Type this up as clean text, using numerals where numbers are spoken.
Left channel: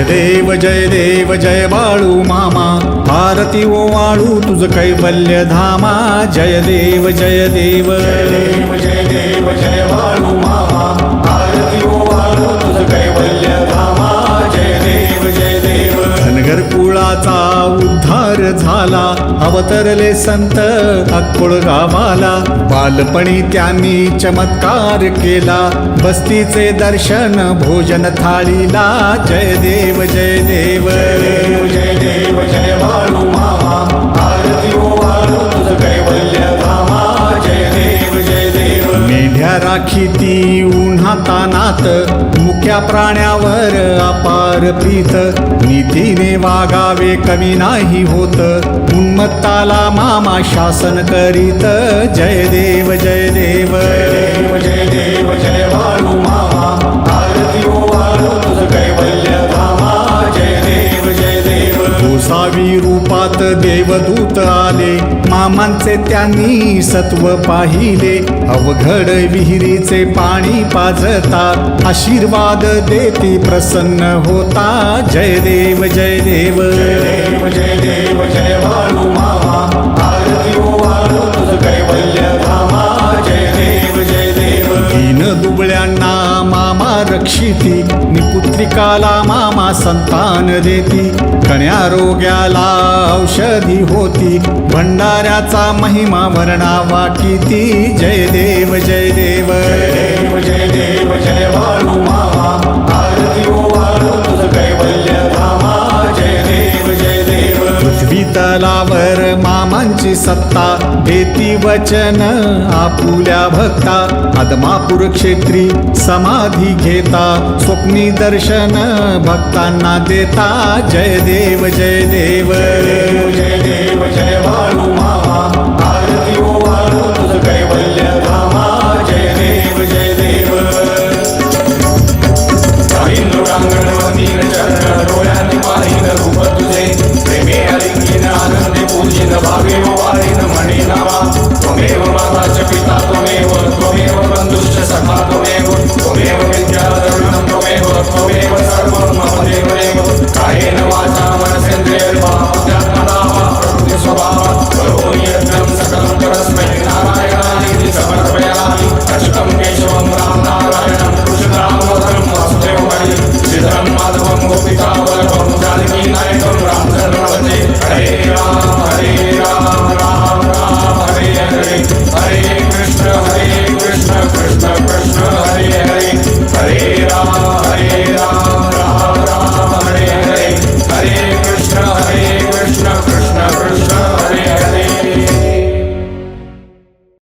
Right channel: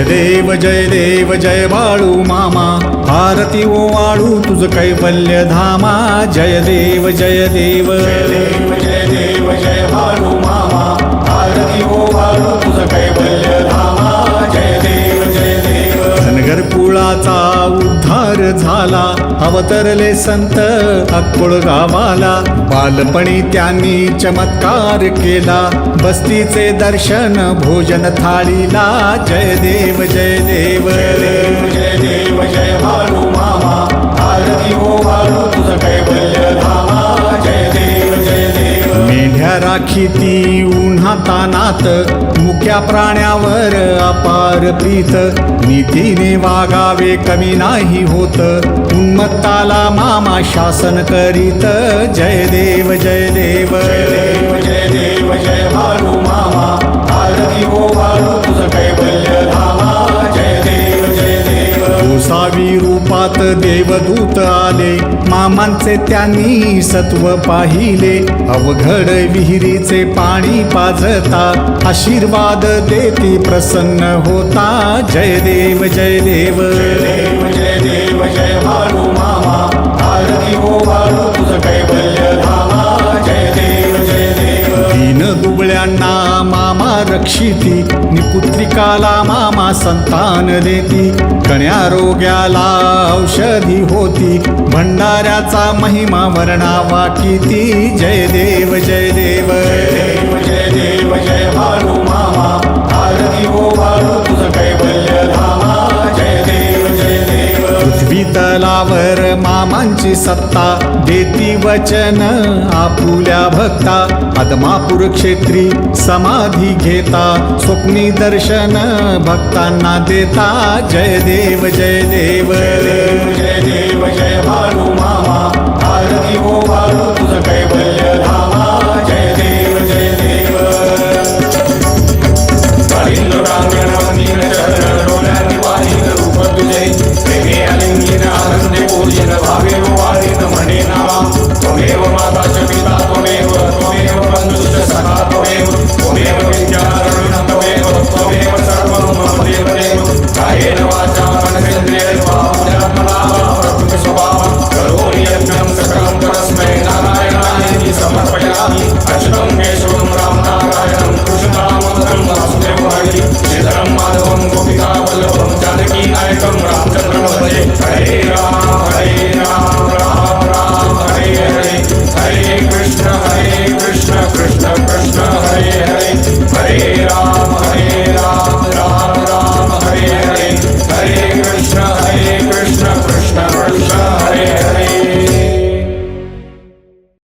जय देव जय बाळू मामा, आरती ओवाळू तुझ कैवल्य धामा. जय देव जय देव जय देव जय बाळू मामा, आरती ओवाळू तुझ कैवल्य धामा. जय देव जय देव. धनगर कुळाचा उद्धार झाला, अवतरले संत अक्कोळ गावाला. बालपणी त्यांनी चमत्कार केला, बस्तीचे दर्शन भोजन थाळीला. जय देव जय देव जय देव जय बाळू मामा, आरती ओवाळू तुझ कैवल्य धामा. जय देव जय देव. मेंढ्या राखीती उन्हातानात, मुक्या प्राण्यावर अपार प्रीत. नीतीने वागावे कमी नाही होत, उन्मत्ताला मामा शासन करीत. जय देव जय देव जय देव जय बाळू मामा, आरती ओवाळू तुझ कैवल्य धामा. जय देव जय देव. गोसावी रूपात देवदूत आले, मामांचे त्यांनी सत्व पाहिले. अवघड विहिरीचे पाणी पाजता, आशीर्वाद देती प्रसन्न होता. जय देव जय देव जय देव जय बाळू मामा, आरती ओवाळू तुझ कैवल्य धामा. जय देव जय देव. दीन दुबळ्यांना मामा रक्षिती, निपुत्रिकाला मामा संतान देती. कण्यारोग्याला औषधी होती, भंडाऱ्याचा महिमा वर्णावा किती. जय देव जय देव जय देव जय बाळू मामा, आरती ओवाळू तुझ कैवल्य धामा. जय देव जय देव. पृथ्वी तलावर मामांची सत्ता, देती वचन आपुल्या भक्ता. आदमापूर क्षेत्री समाधी घेता, स्वप्नी दर्शन भक्तांना देता. जय देव जय देव जय देव जय बाळू मामा, आरती ओवाळू तुझ कैवल्य